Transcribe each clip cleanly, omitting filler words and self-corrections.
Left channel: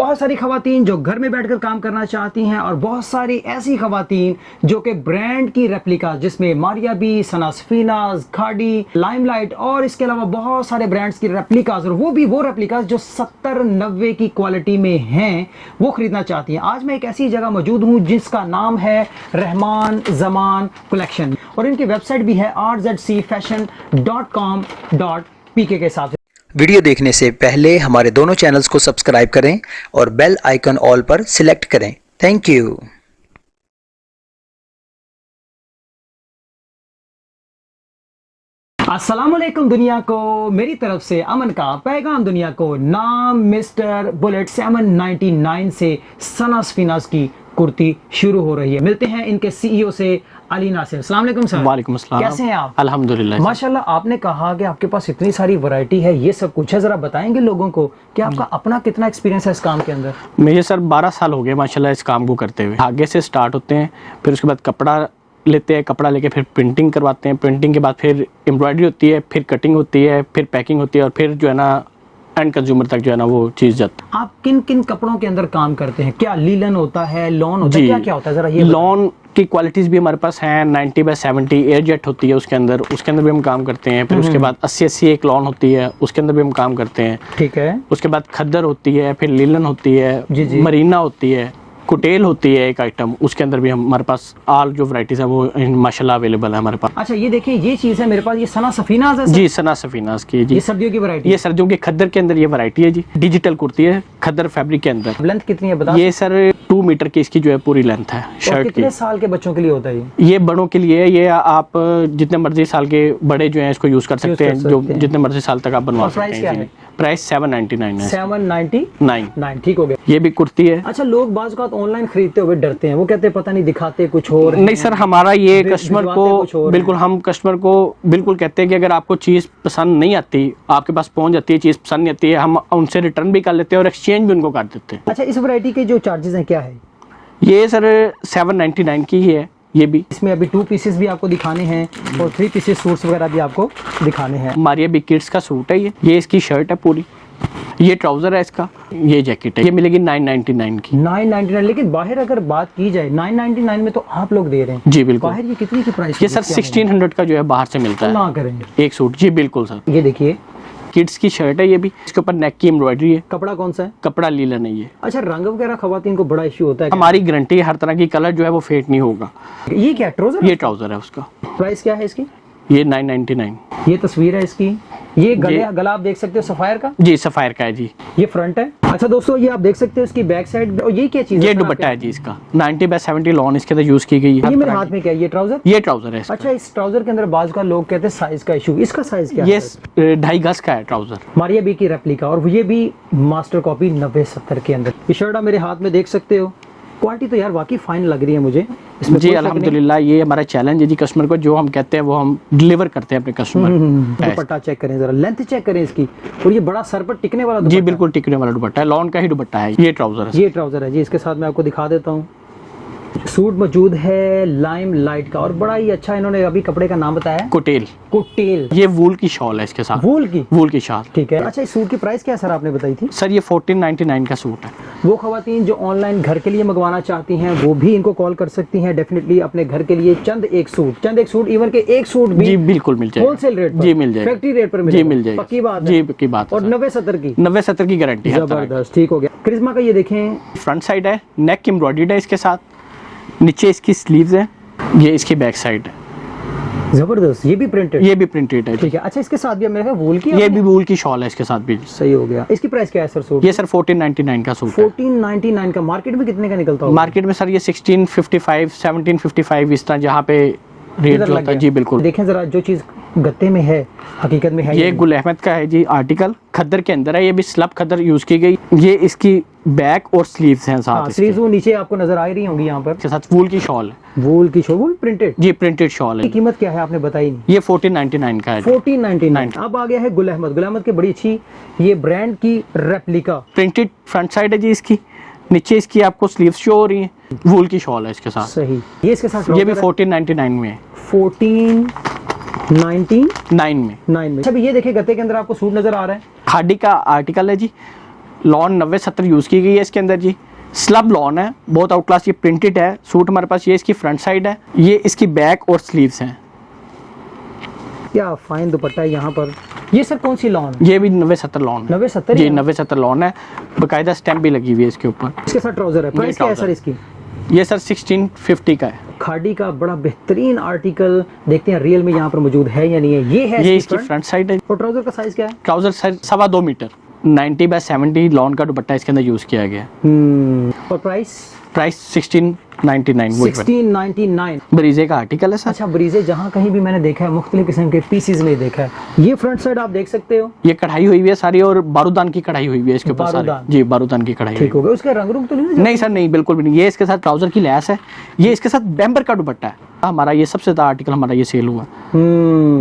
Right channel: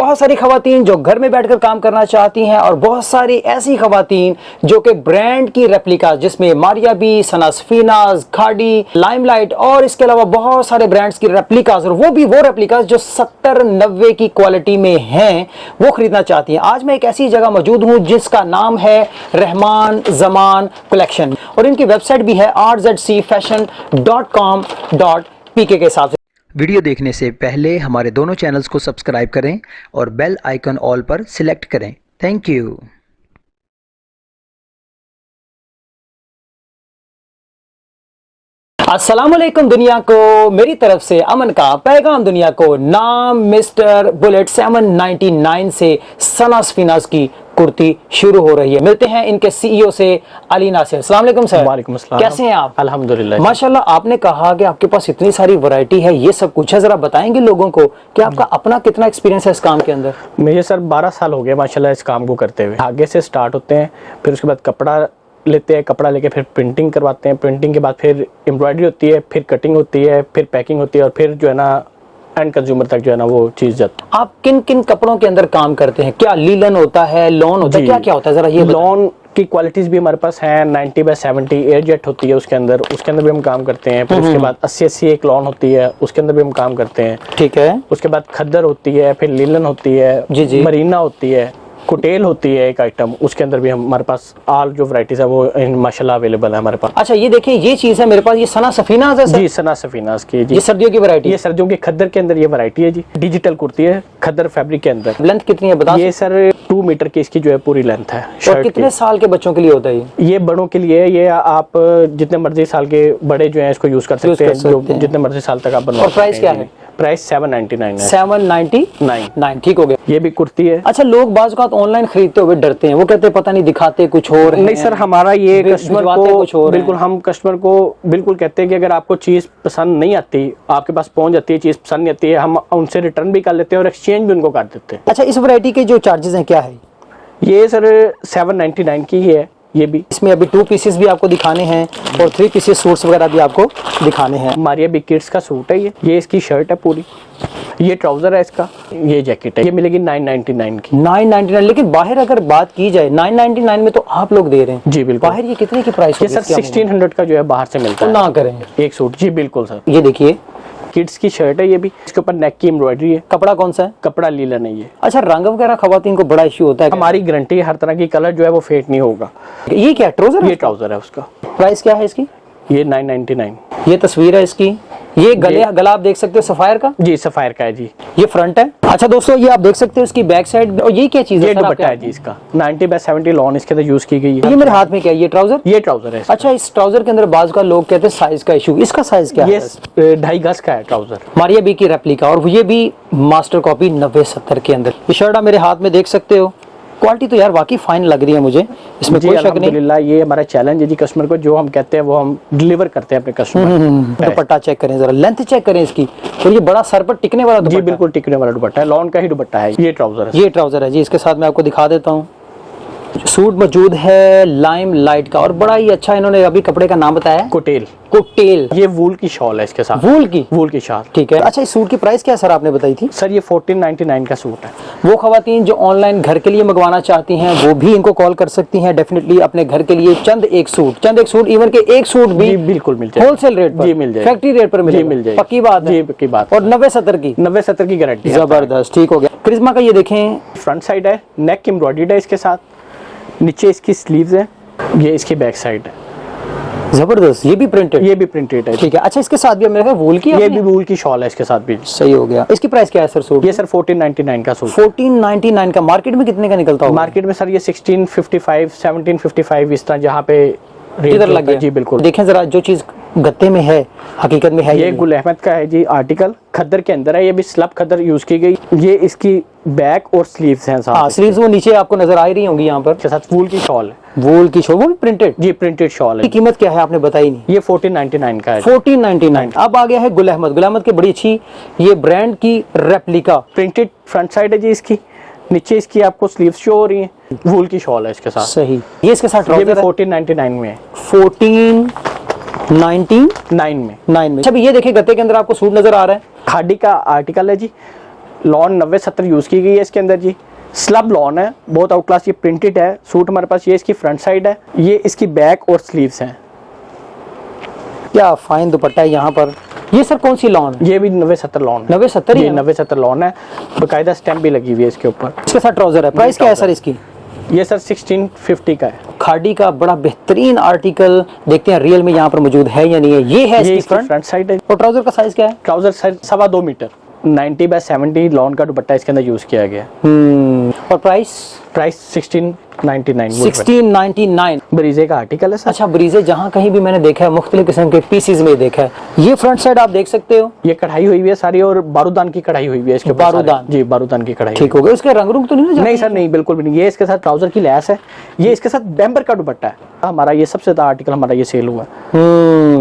बहुत सारी खवातीन जो घर में बैठकर काम करना चाहती हैं और बहुत सारी ऐसी खवातीन जो कि ब्रांड की रेप्लिका जिसमें मारिया बी, सना सफीनाज, खाड़ी, लाइमलाइट और इसके अलावा बहुत सारे ब्रांड्स की रेप्लिकाज और वो भी वो रेप्लिकाज जो 70-90 की क्वालिटी में हैं वो खरीदना चाहती हैं। आज मैं एक ऐसी जगह मौजूद हूँ जिसका नाम है रहमान जमान कलेक्शन और इनकी वेबसाइट भी है rzcfashion.com.pk के साथ। वीडियो देखने से पहले हमारे दोनों चैनल्स को सब्सक्राइब करें और बेल आइकन ऑल पर सिलेक्ट करें। Thank you. अस्सलामुअलैकुम दुनिया को, मेरी तरफ से अमन का पैगाम दुनिया को। नाम मिस्टर बुलेट 799 से सना सफीनाज की कुर्ती शुरू हो रही है। मिलते हैं इनके सीईओ से अली नासिर। अस्सलाम वालेकुम सर। वालेकुम अस्सलाम। कैसे हैं आप? अल्हम्दुलिल्लाह माशाल्लाह। आपने कहा कि आपके पास इतनी सारी वैरायटी है, ये सब कुछ है, जरा बताएंगे लोगों को कि आपका अपना कितना एक्सपीरियंस है इस काम के अंदर? मुझे सर 12 साल हो गए माशाल्लाह इस काम को करते हुए। आगे से स्टार्ट होते हैं, फिर उसके बाद कपड़ा लेते हैं, कपड़ा लेके फिर प्रिंटिंग करवाते हैं, प्रिंटिंग के बाद फिर एम्ब्रॉयडरी होती है, फिर कटिंग होती है, फिर पैकिंग होती है और फिर जो है ना एंड कंज्यूमर तक जो है ना वो चीज़ जाती है। आप किन किन कपड़ों के अंदर काम करते हैं? क्या लीलन होता है, लॉन होता है, क्या क्या होता है, जरा ये लॉन की क्वालिटीज भी हमारे पास हैं। 90/70 एयर जेट होती है उसके अंदर भी हम काम करते हैं। फिर उसके बाद 80/80 एक लॉन होती है, उसके अंदर भी हम काम करते हैं। ठीक है। उसके बाद खद्दर होती है, फिर लीलन होती है, जी। मरीना होती है, कुटेल होती है एक आइटम, उसके अंदर भी हमारे पास ऑल जो वैरायटीज है वो माशाल्लाह अवेलेबल है हमारे पास। अच्छा, ये देखिए, ये चीज़ है मेरे पास, ये सना सफीनाज है सर? जी, सना सफीनाज की जी। ये सर्दियों की वैरायटी? ये सर्दियों के खद्दर के अंदर ये वैरायटी है जी। डिजिटल कुर्ती है खद्दर फैब्रिक के अंदर। लेंथ कितनी है बता? ये सर 2 मीटर की इसकी जो है पूरी लेंथ है और शर्ट कितने की। साल के बच्चों के लिए होता है ये बड़ों के लिए, ये आप जितने मर्जी साल के बड़े जो है इसको यूज कर सकते हैं, जो जितने मर्जी साल तक आप बनवा सकते हैं। प्राइस क्या है? प्राइस 799 है। 799। ठीक हो गया। ये भी कुर्ती है। अच्छा, लोग बाज़ औक़ात ऑनलाइन खरीदते हुए डरते हैं, वो कहते हैं पता नहीं दिखाते कुछ और नहीं सर, हमारा ये कस्टमर को बिल्कुल, हम कस्टमर को बिल्कुल कहते हैं कि अगर आपको चीज़ पसंद नहीं आती, आपके पास पहुंच जाती है, चीज़ पसंद नहीं आती है, हम उनसे रिटर्न भी कर लेते हैं और एक्सचेंज भी उनको कर देते हैं। अच्छा, इस वैरायटी के जो चार्जेस हैं क्या है? ये सर 799 की ही है। ये भी इसमें अभी 2 पीसेस भी आपको दिखाने हैं और 3 पीसेस सूट्स वगैरह भी आपको दिखाने हैं। मारिया बी किड्स का सूट है ये इसकी शर्ट है पूरी, ये ट्राउजर है इसका, ये जैकेट है। ये मिलेगी 999 की। 999। लेकिन बाहर अगर बात की जाए 999 में तो आप लोग दे रहे हैं जी बिल्कुल। बाहर ये कितने की प्राइस? ये सर 1600 का जो है बाहर से मिलता है। ना करें एक सूट। जी बिल्कुल सर। ये देखिए, किड्स की शर्ट है ये भी, इसके ऊपर नेक की एम्ब्रॉयडरी है। कपड़ा कौन सा है? कपड़ा लीलन है ये। अच्छा, रंग वगैरह खवातीन को बड़ा इश्यू होता है? हमारी गारंटी है, हर तरह की कलर जो है वो फेड नहीं होगा। ये क्या ट्राउजर? ये ट्राउजर है उसका। प्राइस क्या है इसकी? ये 999। ये तस्वीर है इसकी। ये गला आप देख सकते हो सफायर का? जी सफायर का है जी। ये फ्रंट है। अच्छा दोस्तों, ये आप देख सकते हो इसकी बैक साइड। और ये क्या चीज है? ये दुपट्टा है जी इसका। 90/70 लॉन इसके अंदर यूज की गई है। ये मेरे हाथ में क्या है? ये ट्राउजर? ये ट्राउजर है इसका। अच्छा, इस ट्राउजर के अंदर बाज का लोग कहते हैं साइज का इशू, इसका साइज क्या है? ये 2.5 गज का है ट्राउजर। मारिया बी की रेप्लिका और ये भी मास्टर कॉपी 90-70 के अंदर। ये शर्ट आप मेरे हाथ में देख सकते हो। क्वालिटी तो यार वाकई फाइन लग रही है मुझे, इसमें जी अल्हम्दुलिल्लाह। ये हमारा चैलेंज है जी कस्टमर को, जो हम कहते हैं वो हम डिलीवर करते हैं अपने कस्टमर। दुपट्टा चेक करें जरा, लेंथ चेक करें इसकी। और ये बड़ा सर पर टिकने वाला जी बिल्कुल टिकने वाला दुपट्टा है, लॉन का ही दुपट्टा है। ये ट्राउजर है। ये ट्राउजर है जी। इसके साथ मैं आपको दिखा देता हूँ। सूट मौजूद है लाइम लाइट का और बड़ा ही अच्छा, इन्होंने अभी कपड़े का नाम बताया कुटेल। कुटेल। ये वूल की शॉल है इसके साथ। वूल की शॉल। ठीक है। अच्छा, इस सूट की प्राइस क्या सर आपने बताई थी? सर ये 1499 का सूट है। वो खवातीन जो ऑनलाइन घर के लिए मंगवाना चाहती हैं वो भी इनको कॉल कर सकती हैं डेफिनेटली अपने घर के लिए। चंद एक सूट इवन के एक सूट भी जी बिल्कुल मिल जाएगा होलसेल रेट पर। जी मिल जाएगा। फैक्ट्री रेट पर जी मिल जाएगा। पक्की बात? जी पक्की बात। और 90-70 की गारंटी। जबरदस्त। ठीक हो गया। करिश्मा का ये देखें, फ्रंट साइड है, नेक की एम्ब्रॉयडरी है इसके साथ, नीचे इसकी स्लीव्स है, ये इसकी बैक साइड है। जबरदस्त। ये भी प्रिंटेड? ये भी प्रिंटेड है। ठीक है। अच्छा, इसके साथ भी मेरे ख्याल वूल की, ये भी वूल की शॉल है इसके साथ भी। सही हो गया। इसकी प्राइस क्या है सर सूट? ये सर 1499 का सूट। 1499 का। मार्केट में कितने का निकलता होगा? मार्केट में सर ये 1655 1755 इस तरह जहाँ पे रेट लग गया। जी बिल्कुल। देखें जरा, जो चीज गत्ते में है हकीकत में है। ये गुल अहमद का है जी आर्टिकल, खद्दर के अंदर है। ये भी स्लब खद्दर यूज की गई। ये इसकी बैक और स्लीव्स हैं साथ। हाँ, स्लीव्स वो नीचे आपको नजर आ रही होंगी यहाँ पर। के साथ वूल की शॉल। वूल की शॉल, वो भी प्रिंटेड? जी प्रिंटेड शॉल है। कीमत क्या है आपने बताई नहीं? ये 1499 का है। 1499। अब आ गया है गुल अहमद के बड़ी अच्छी ये ब्रांड की रेप्लिका। प्रिंटेड फ्रंट साइड है जी इसकी, नीचे इसकी आपको स्लीव्स शो हो रही है, वूल की शॉल है इसके साथ। सही। ये इसके साथ ये भी 1499 में है। 1499 में। अच्छा, ये देखिए गत्ते के अंदर आपको सूट नजर आ रहा है, खादी का आर्टिकल है जी। लॉन 90-70 यूज़ की गई है इसके अंदर जी। स्लब लॉन है, बहुत आउट क्लास, ये प्रिंटेड है सूट हमारे पास। ये इसकी फ्रंट साइड है, ये इसकी बैक और स्लीव्स हैं। क्या फाइन दुपट्टा है यहाँ पर। ये सर कौन सी लॉन? ये भी 90-70 लॉन है। 90-70 ये 90-70 लॉन है, बाकायदा स्टैम्प भी लगी हुई है इसके ऊपर। इसके साथ ट्राउजर है। प्राइस क्या है सर इसकी? ये सर 1650 का है। खाड़ी का बड़ा बेहतरीन आर्टिकल, देखते हैं रियल में यहाँ पर मौजूद है या नहीं है। ये है ये इसकी इसकी फ्रंट साइड है। और ट्राउजर का साइज क्या है? Trouser size 2.25 metre, 90x70 lawn का दुपट्टा इसके अंदर यूज़ किया गया। और प्राइस? प्राइस 1699। 1699। ब्रीजे का आर्टिकल है सर। अच्छा, ब्रीजे जहाँ कहीं भी मैंने देखा है मुख्तलिफ किस्म के पीसीज में देखा है। ये फ्रंट साइड आप देख सकते हो, ये कढ़ाई हुई हुई है सारी, और बारूदान की कढ़ाई हुई हुई है इसके ऊपर। बारूदान? जी, बारूदान की कढ़ाई। ठीक हो गया। उसके रंग रूप तो नहीं? नहीं सर, नहीं, बिल्कुल भी नहीं। ये इसके साथ ट्राउजर की लैस है, ये इसके साथ बैम्बर का दुपट्टा है। हमारा ये सबसे ज़्यादा आर्टिकल हमारा ये सेल हुआ है,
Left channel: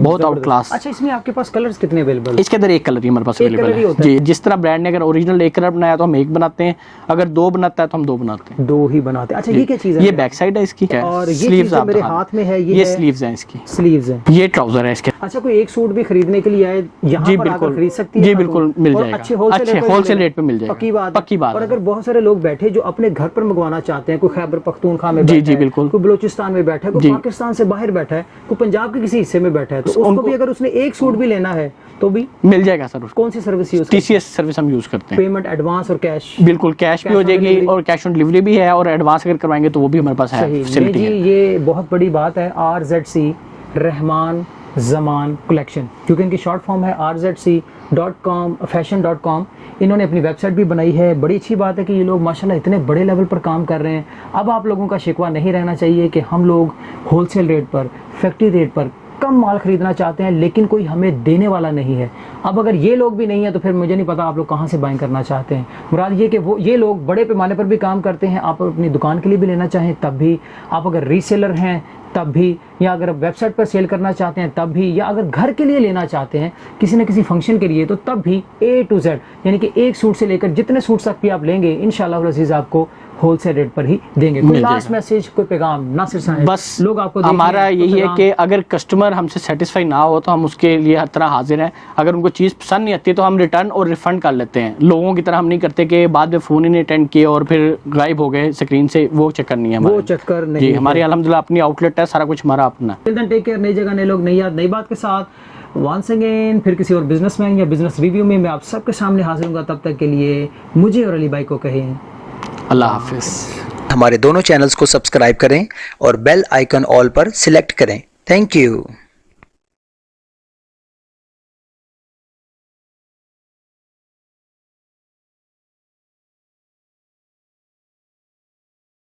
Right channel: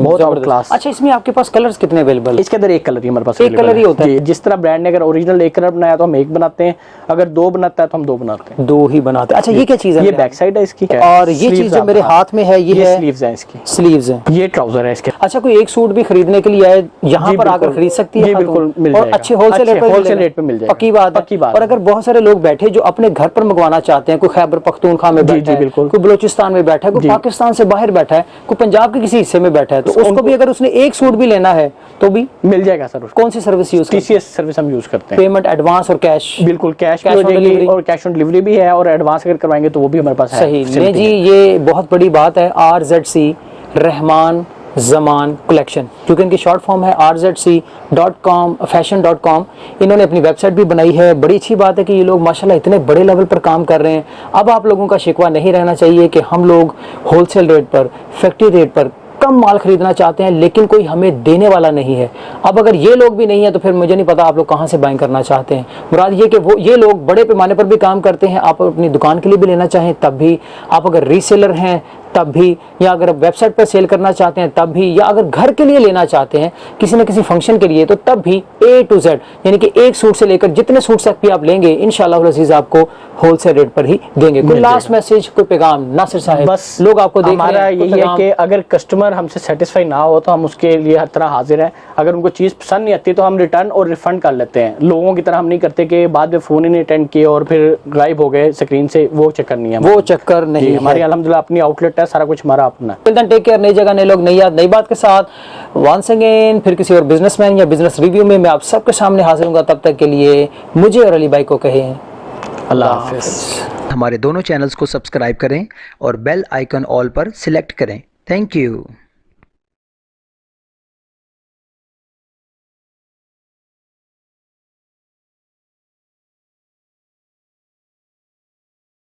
बहुत आउट क्लास। अच्छा, इसमें आपके पास कलर्स कितने अवेलेबल है? इसके अंदर एक कलर ही हमारे पास एक कलर ही होता है। जी, जिस तरह ब्रांड ने अगर ओरिजिनल एक कलर बनाया तो हम एक बनाते हैं, अगर 2 बनाता है तो हम 2 बनाते हैं। 2 ही बनाते हैं। अच्छा, ये क्या चीज़ है? ये बैक साइड है इसकी, और ये चीज़ जो मेरे हाथ में है ये है स्लीव्स हैं इसकी। स्लीव्स हैं। ये ट्राउजर है इसके। अच्छा, कोई एक सूट भी खरीदने के लिए आए यहाँ पर आकर खरीद सकती है? जी बिल्कुल, मिल और जाएगा। अच्छे होलसेल रेट पे मिल जाएगा। पक्की बात है। पक्की बात। और अगर बहुत सारे लोग बैठे जो अपने घर पर मंगवाना चाहते हैं, कोई खैबर पख्तूनख्वा में बैठा है, बिल्कुल, कोई बलूचिस्तान में बैठा है, कोई पाकिस्तान से बाहर बैठा है, कोई पंजाब के किसी हिस्से में बैठा है, तो उसको भी अगर उसने एक सूट भी लेना है तो भी मिल जाएगा सर। कौन सी सर्विस यूज? TCS सर्विस हम यूज करते हैं। पेमेंट एडवांस और कैश? बिल्कुल, कैश भी हो जाएगी और कैश ऑन डिलीवरी भी है, और एडवांस अगर करवाएंगे तो वो भी हमारे पास है। सही नहीं जी, ये बहुत बड़ी बात है। RZC रहमान जमान कलेक्शन, क्योंकि इनकी शॉर्ट फॉर्म है RZC.com fashion.com। इन्होंने अपनी वेबसाइट भी बनाई है। बड़ी अच्छी बात है कि ये लोग माशाल्लाह इतने बड़े लेवल पर काम कर रहे हैं। अब आप लोगों का शिकवा नहीं रहना चाहिए कि हम लोग होलसेल रेट पर, फैक्ट्री रेट पर कम माल खरीदना चाहते हैं लेकिन कोई हमें देने वाला नहीं है। अब अगर ये लोग भी नहीं है तो फिर मुझे नहीं पता आप लोग कहाँ से बाइंग करना चाहते हैं। मुराद ये कि वो ये लोग बड़े पैमाने पर भी काम करते हैं। आप अपनी दुकान के लिए भी लेना चाहें तब भी, आप अगर रीसेलर हैं तब भी, या अगर वेबसाइट पर सेल करना चाहते हैं तब भी, या अगर घर के लिए लेना चाहते हैं किसी न किसी फंक्शन के लिए, तो तब भी A to Z, यानी कि एक सूट से लेकर जितने सूट तक भी आप लेंगे इंशाअल्लाह अज़ीज़ आपको होलसेल रेट पर ही देंगे। कोई लास्ट मैसेज, कोई पैगाम नासिर साहब? बस लोग आपको हमारा यही है कि अगर कस्टमर हमसे सेटिस्फाई ना हो तो हम उसके लिए हर तरह हाजिर हैं। अगर उनको चीज़ पसंद नहीं आती तो हम रिटर्न और रिफंड कर लेते हैं। लोगों की तरह हम नहीं करते कि बाद में फ़ोन ही नहीं अटेंड किए और फिर गायब हो गए स्क्रीन से, वो चक्कर नहीं है। वो चक्कर नहीं है। हमारी अल्हम्दुलिल्लाह अपनी आउटलेट है, सारा कुछ हमारा अपना है। Take care. नई जगह, नए लोग, नई याद, नई बात के साथ वंस अगेन फिर किसी और बिजनेसमैन या बिजनेस रिव्यू में मैं आप सबके सामने हाजिर हूँगा। तब तक के लिए मुझे और अली भाई को कहें अल्लाह हाफिज़। हमारे दोनों चैनल्स को सब्सक्राइब करें और बेल आइकन ऑल पर सिलेक्ट करें। Thank you.